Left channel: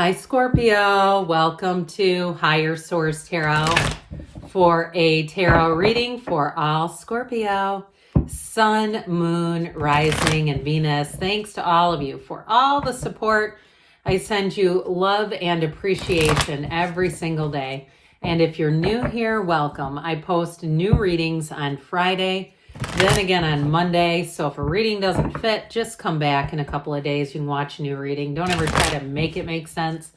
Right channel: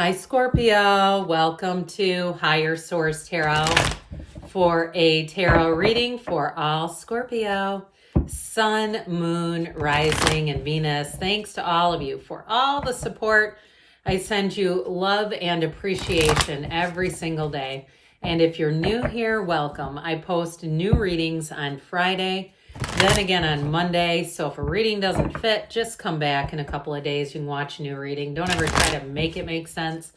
Hi, Scorpio. Welcome to Higher Source Tarot for a tarot reading for all Scorpio, Sun, Moon, Rising, and Venus. Thanks to all of you for all the support. I send you love and appreciation every single day. And if you're new here, welcome. I post new readings on Friday, then again on Monday. So if a reading doesn't fit, just come back in a couple of days. You can watch a new reading. Don't ever try to make it make sense.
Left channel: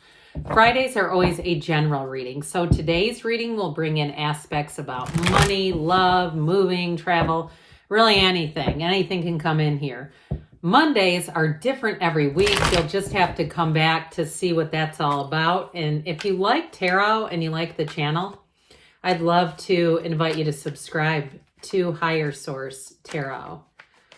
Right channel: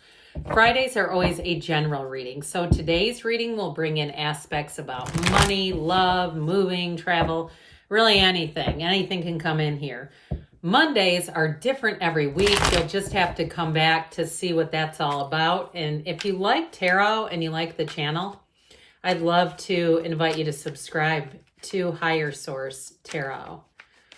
Fridays are always a general reading. So today's reading will bring in aspects about money, love, moving, travel, really anything. Anything can come in here. Mondays are different every week. You'll just have to come back to see what that's all about. And if you like tarot and you like the channel, I'd love to invite you to subscribe to Higher Source Tarot.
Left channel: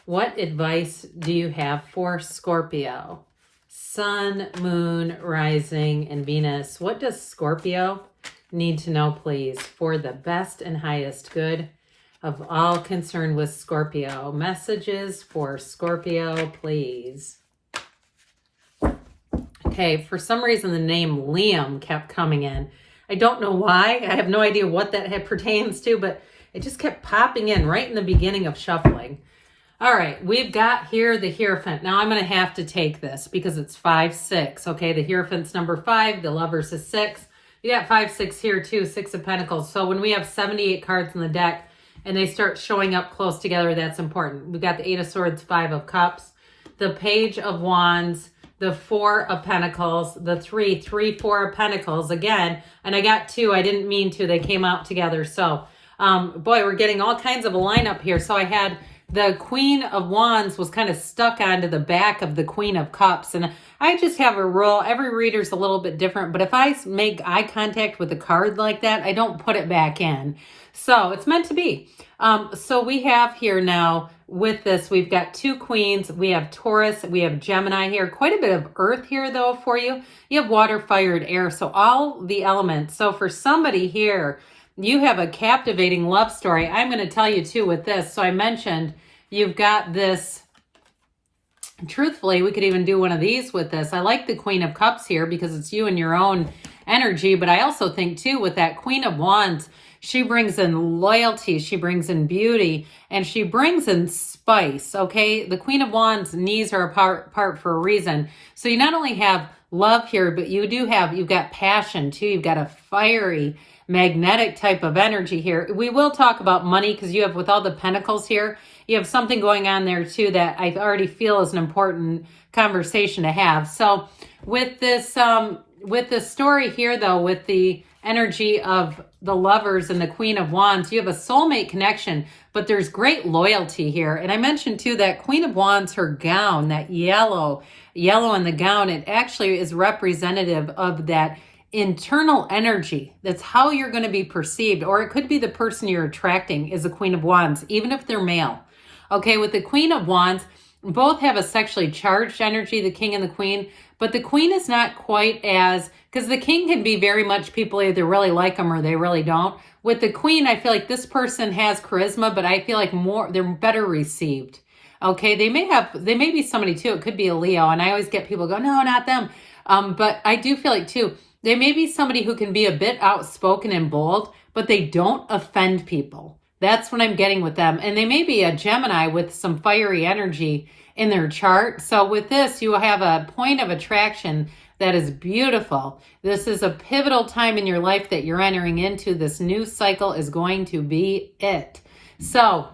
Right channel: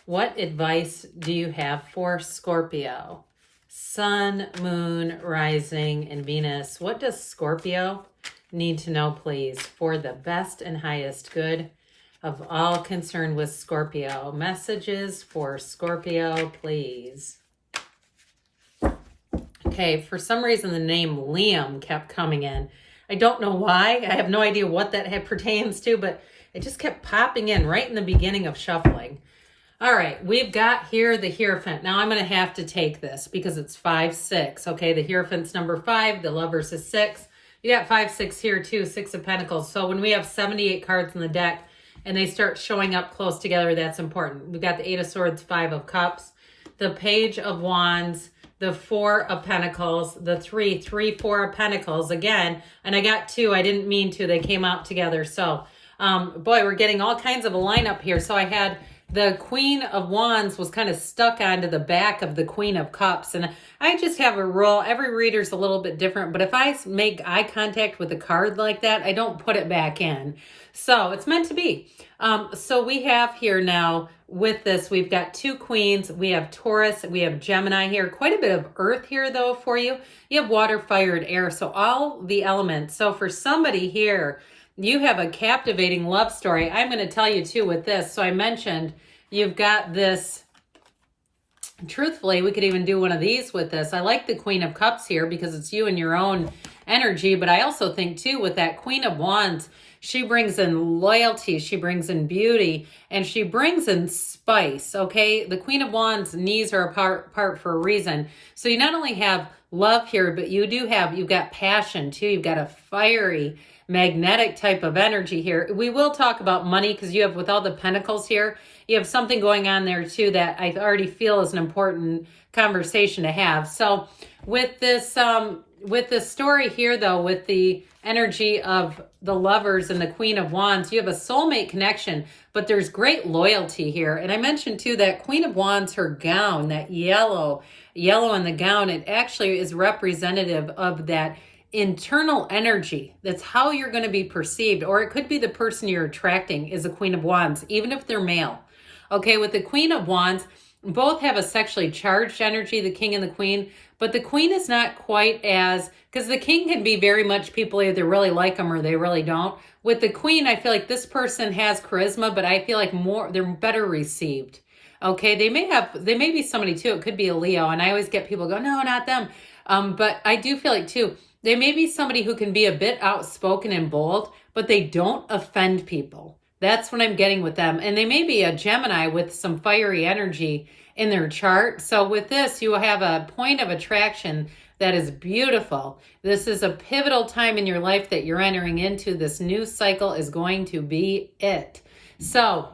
What advice do you have for Scorpio? Sun, Moon, Rising, and Venus. What does Scorpio need to know, please, for the best and highest good of all concerned with Scorpio? Messages for Scorpio, please. Okay, for some reason the name Liam kept coming in. I don't know why. I have no idea what that pertains to, but it just kept popping in right in the beginning of shuffling. All right, we've got here the Hierophant. Now I'm going to have to take this because it's 5, 6. Okay, the Hierophant's number 5, the Lovers is 6. You got 5, 6 here too, 6 of Pentacles. So when we have 78 cards in the deck and they start showing up close together, that's important. We've got the 8 of Swords, 5 of Cups, the Page of Wands, the 4 of Pentacles, the 3, 4 of Pentacles again. And I got 2. I didn't mean to. They came out together. So boy, we're getting all kinds of a lineup here. So I had the Queen of Wands was kind of stuck onto the back of the Queen of Cups. And I just have a rule. Every reader's a little bit different. But if I make eye contact with a card like that, I don't put it back in. So it's meant to be. So we have here now with this, we've got 2 queens. We have Taurus. We have Gemini here. Quite a bit of earth here, though, for you. You have water, fire, and air. So all the elements. So for somebody here, you have a captivating love story. I'm going to tell you too with this. So I mentioned you've got this, truthfully, we could even do one of these with this. I like the Queen of Cups here because it's you and your own energy. But I also think too with that Queen of Wands, she brings in loyalty, she brings in beauty, and she brings in spice, okay? The Queen of Wands knees are apart for a reason. So you not only have love here, but you've got passion too. You've got a fiery, magnetic type of energy here. We will talk about money because you have, with all the pentacles here, you have something going on there too that I already feel is an important conversation to have. So with this story here though, with the energy of the Lovers and the Queen of Wands, you have a soulmate connection, but there's great loyalty here. And I mentioned too that Queen of Wands, her gown, that yellow in the gown, it actually is representative of that internal energy. That's how you're going to be perceived, or it could be the person you're attracting is a Queen of Wands, even if they're male. Okay, with the Queen of Wands, both have a sexually charged energy, the King and the Queen, but the Queen is not quite as, because the King can be very much, people either really like them or they really don't. With the Queen, I feel like this person has charisma, but I feel like they're better received. Okay, they may be somebody too. It could be a Leo, and I always get people go, no, not them. But I do feel like too, they may be somebody who can be a bit outspoken and bold, but they don't offend people. That's what I'm getting with them. And they may be a Gemini with some fiery energy in their chart. So with this, you have a point of attraction that is beautiful. This is a pivotal time in your life that you're entering into. This new cycle is going to be it. So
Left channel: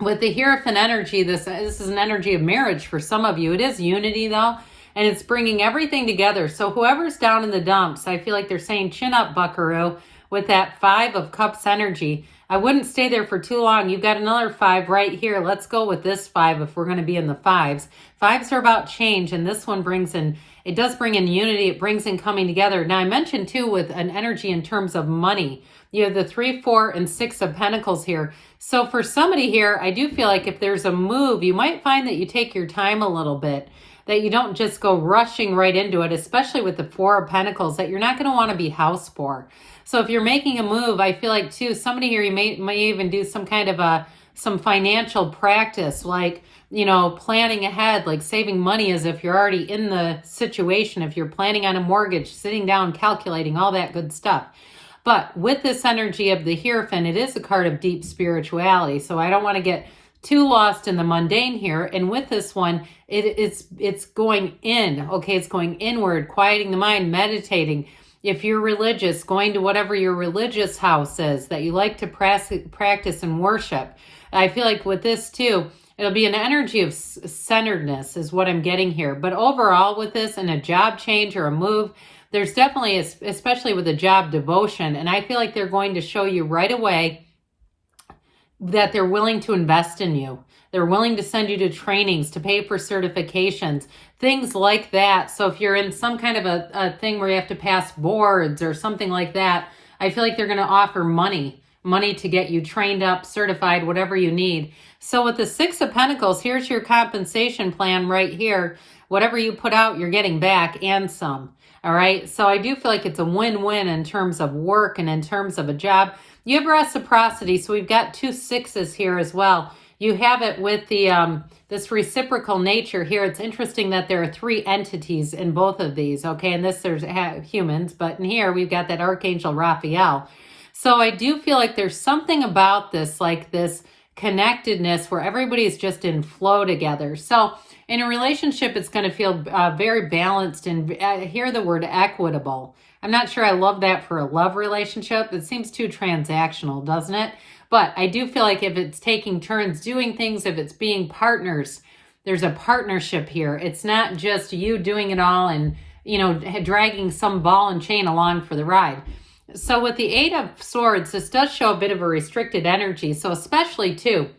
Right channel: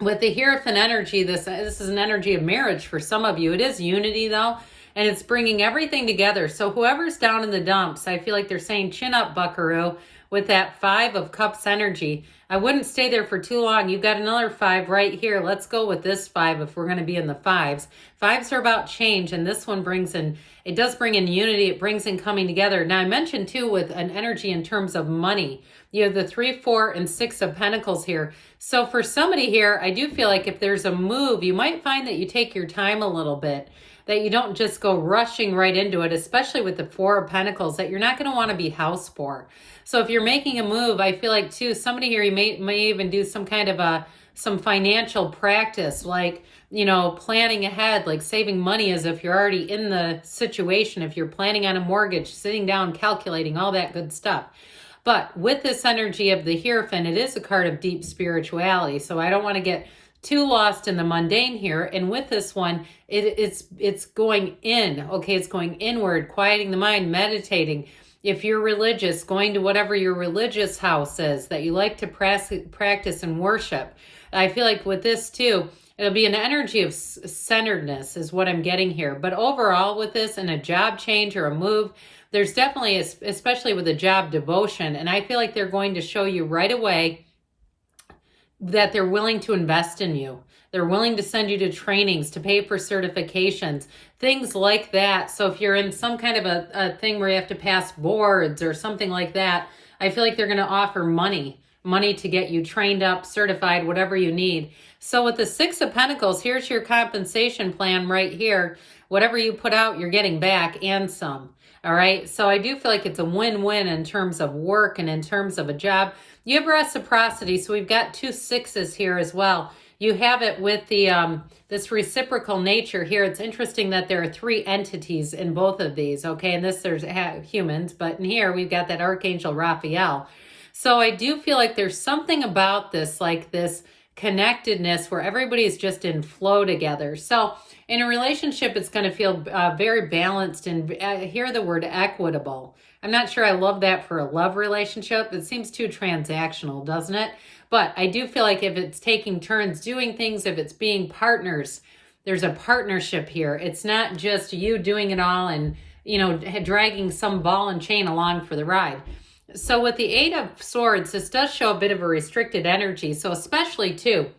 with the Hierophant energy, this is an energy of marriage for some of you. It is unity though. And it's bringing everything together. So whoever's down in the dumps, I feel like they're saying, chin up, buckaroo, with that 5 of Cups energy. I wouldn't stay there for too long. You've got another 5 right here. Let's go with this 5 if we're going to be in the 5s. 5s are about change, and this one brings in, it does bring in unity. It brings in coming together. Now, I mentioned, too, with an energy in terms of money, you have the 3, 4, and 6 of Pentacles here. So for somebody here, I do feel like if there's a move, you might find that you take your time a little bit, that you don't just go rushing right into it, especially with the 4 of Pentacles, that you're not going to want to be house poor. So if you're making a move, I feel like too, somebody here, you may even do some kind of some financial practice, like you know, planning ahead, like saving money as if you're already in the situation. If you're planning on a mortgage, sitting down, calculating, all that good stuff. But with this energy of the Hierophant, it is a card of deep spirituality. So I don't want to get too lost in the mundane here. And with this one, it's going in. Okay, it's going inward, quieting the mind, meditating. If you're religious, going to whatever your religious house is that you like to practice and worship. I feel like with this too, it'll be an energy of centeredness is what I'm getting here. But overall with this, and a job change or a move, there's definitely, especially with a job, devotion. And I feel like they're going to show you right away that they're willing to invest in you. They're willing to send you to trainings, to pay for certifications, things like that. So if you're in some kind of a thing where you have to pass boards or something like that, I feel like they're going to offer money to get you trained up, certified, whatever you need. So with the Six of Pentacles, here's your compensation plan right here. Whatever you put out, you're getting back and some. All right. So I do feel like it's a win-win in terms of work and in terms of a job. You have reciprocity. So we've got 2 6s here as well. You have it with the this reciprocal nature here. It's interesting that there are 3 entities in both of these. Okay. And this there's humans, but in here we've got that Archangel Raphael. So I do feel like there's something about this, like this connectedness where everybody's just in flow together. So in a relationship, it's going to feel very balanced, and hear the word equitable. I'm not sure I love that for a love relationship. It seems too transactional, doesn't it? But I do feel like if it's taking turns doing things, if it's being partners, there's a partnership here. It's not just you doing it all and, you know, dragging some ball and chain along for the ride. So with the 8 of Swords, this does show a bit of a restricted energy. So especially too,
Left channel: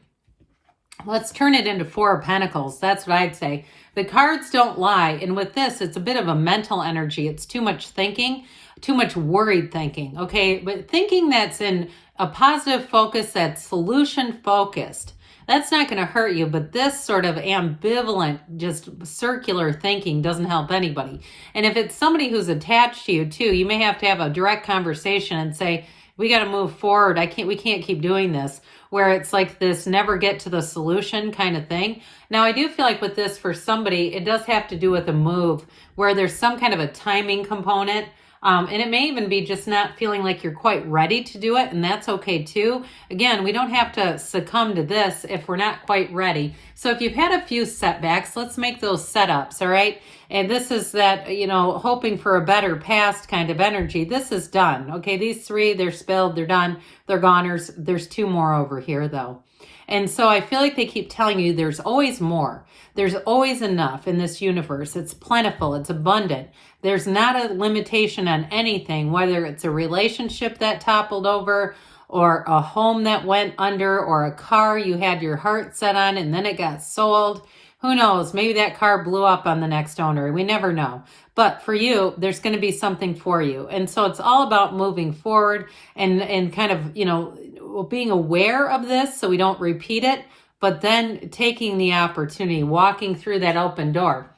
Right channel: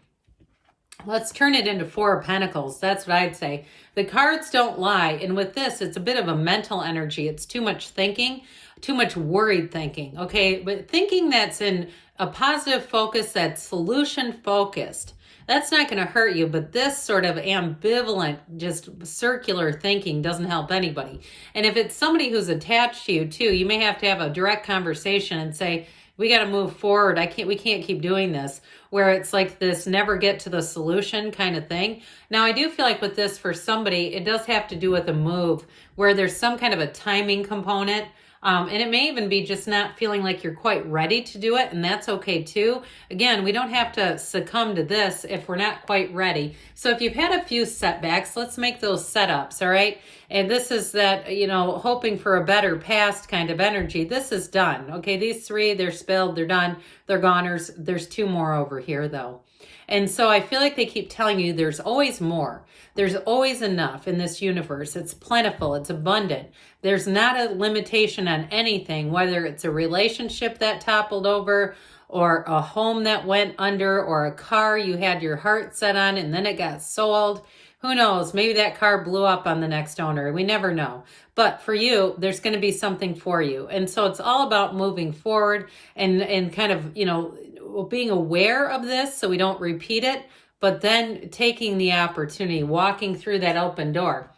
let's turn it into 4 of Pentacles. That's what I'd say. The cards don't lie. And with this, it's a bit of a mental energy. It's too much thinking, too much worried thinking. Okay, but thinking that's in a positive focus, that's solution focused. That's not going to hurt you, but this sort of ambivalent, just circular thinking doesn't help anybody. And if it's somebody who's attached to you too, you may have to have a direct conversation and say, we got to move forward. We can't keep doing this, where it's like this never get to the solution kind of thing. Now, I do feel like with this for somebody, it does have to do with a move where there's some kind of a timing component. And it may even be just not feeling like you're quite ready to do it, and that's okay too. Again, we don't have to succumb to this if we're not quite ready. So if you've had a few setbacks, let's make those setups, all right? And this is that, you know, hoping for a better past kind of energy. This is done, okay? These 3, they're spilled, they're done, they're goners. There's 2 more over here, though. And so I feel like they keep telling you there's always more. There's always enough in this universe. It's plentiful. It's abundant. There's not a limitation on anything, whether it's a relationship that toppled over or a home that went under or a car you had your heart set on and then it got sold. Who knows? Maybe that car blew up on the next owner. We never know. But for you, there's going to be something for you. And so it's all about moving forward and kind of, you know, being aware of this so we don't repeat it, but then taking the opportunity, walking through that open door.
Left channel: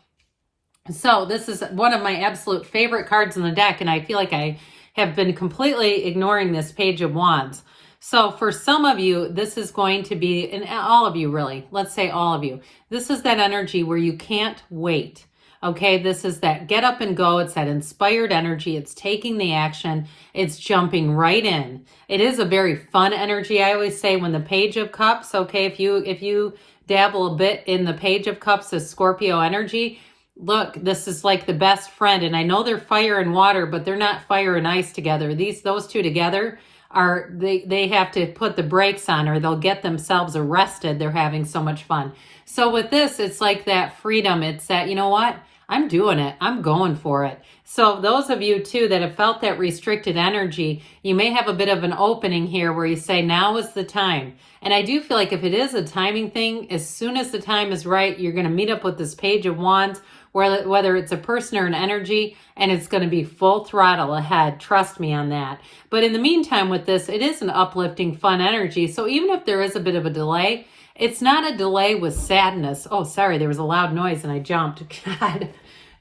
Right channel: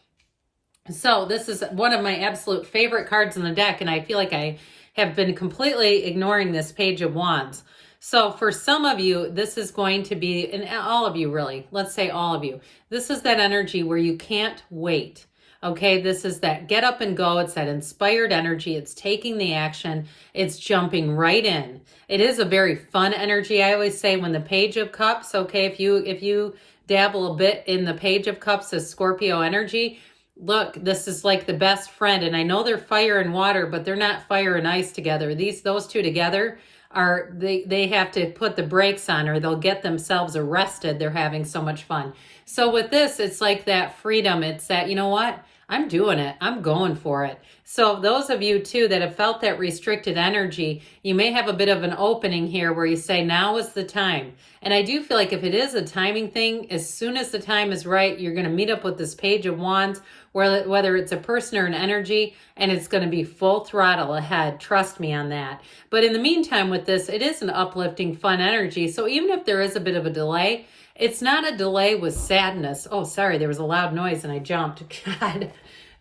So this is one of my absolute favorite cards in the deck, and I feel like I have been completely ignoring this Page of Wands. So for some of you, this is going to be, and all of you really, let's say all of you, this is that energy where you can't wait. Okay, this is that get up and go. It's that inspired energy. It's taking the action. It's jumping right in. It is a very fun energy. I always say when the Page of Cups, okay, if you dabble a bit in the Page of Cups as Scorpio energy, look, this is like the best friend. And I know they're fire and water, but they're not fire and ice together. Those 2 together are, they have to put the brakes on or they'll get themselves arrested. They're having so much fun. So with this, it's like that freedom. It's that, you know what? I'm doing it. I'm going for it. So those of you too that have felt that restricted energy, you may have a bit of an opening here where you say, now is the time. And I do feel like if it is a timing thing, as soon as the time is right, you're going to meet up with this Page of Wands, whether it's a person or an energy, and it's going to be full throttle ahead. Trust me on that. But in the meantime with this, it is an uplifting, fun energy. So even if there is a bit of a delay, it's not a delay with sadness. Oh, sorry, there was a loud noise and I jumped. God,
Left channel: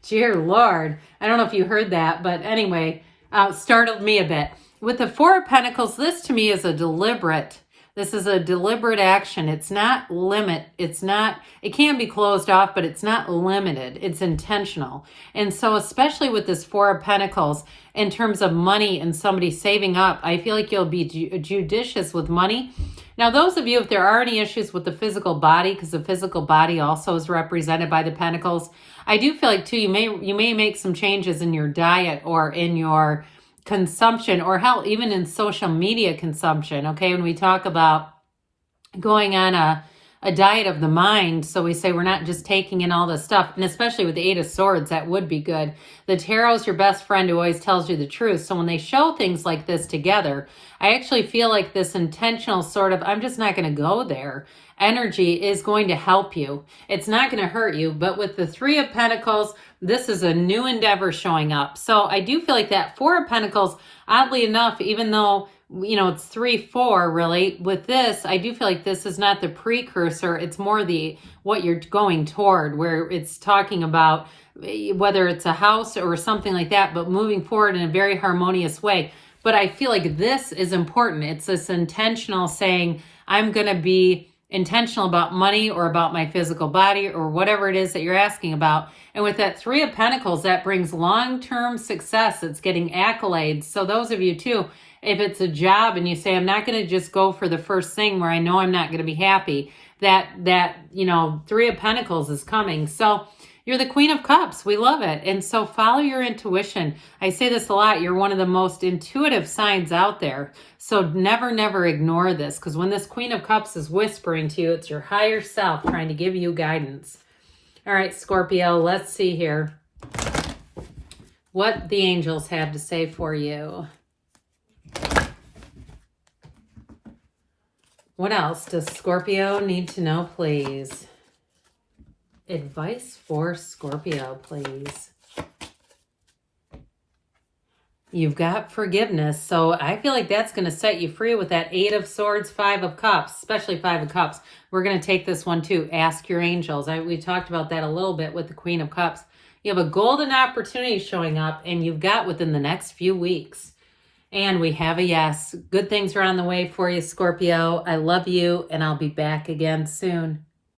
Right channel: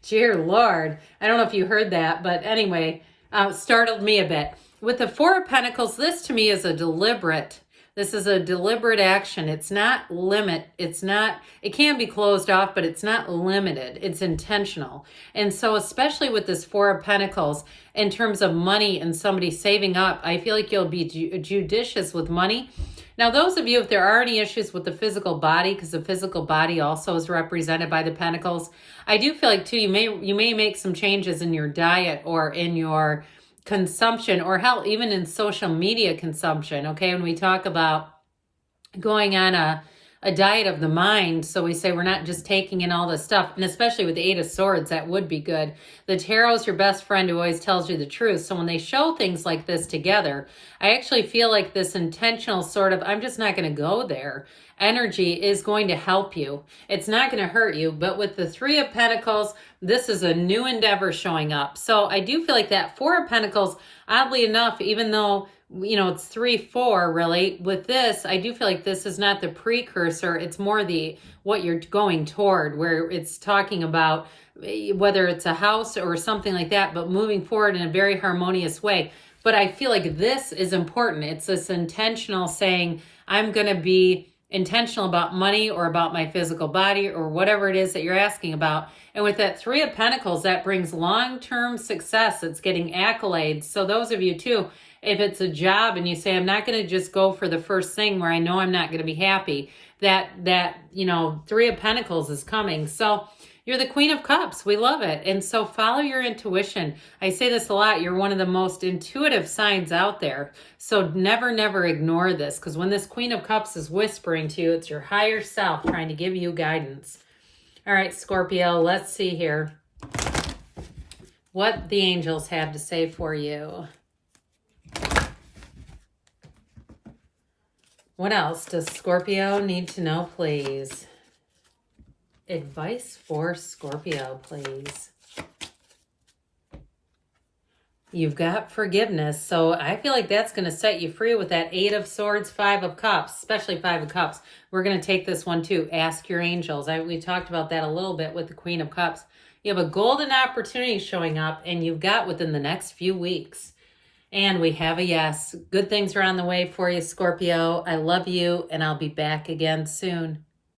dear Lord. I don't know if you heard that, but anyway, startled me a bit. With the 4 of Pentacles, this to me is a deliberate This is a deliberate action. It's not it can be closed off, but it's not limited. It's intentional. And so especially with this Four of Pentacles, in terms of money and somebody saving up, I feel like you'll be judicious with money. Now, those of you, if there are any issues with the physical body, because the physical body also is represented by the Pentacles, I do feel like too, you may make some changes in your diet or in your consumption, or hell, even in social media consumption. Okay, when we talk about going on a diet of the mind, so we say we're not just taking in all this stuff, and especially with the Eight of Swords, that would be good. The tarot is your best friend who always tells you the truth. So when they show things like this together, I actually feel like this intentional sort of, I'm just not going to go there, energy is going to help you. It's not going to hurt you. But with the Three of Pentacles, this is a new endeavor showing up. So I do feel like that Four of Pentacles, oddly enough, even though, you know, it's 3-4 really, with this, I do feel like this is not the precursor. It's more what you're going toward, where it's talking about whether it's a house or something like that, but moving forward in a very harmonious way. But I feel like this is important. It's this intentional saying, I'm going to be intentional about money or about my physical body or whatever it is that you're asking about. And with that Three of Pentacles, that brings long-term success. It's getting accolades. So those of you too, if it's a job and you say, I'm not going to just go for the first thing where I know I'm not going to be happy, that you know, Three of Pentacles is coming. So you're the Queen of Cups. We love it. And so follow your intuition. I say this a lot. You're one of the most intuitive signs out there. So never, never ignore this, because when this Queen of Cups is whispering to you, it's your higher self trying to give you guidance. All right, Scorpio, let's see here what the angels have to say for you. What else does Scorpio need to know, please? Advice for Scorpio, please. You've got forgiveness. So I feel like that's going to set you free with that Eight of Swords, Five of Cups, especially Five of Cups. We're going to take this one too. Ask your angels. We talked about that a little bit with the Queen of Cups. You have a golden opportunity showing up, and you've got within the next few weeks. And we have a yes. Good things are on the way for you, Scorpio. I love you, and I'll be back again soon.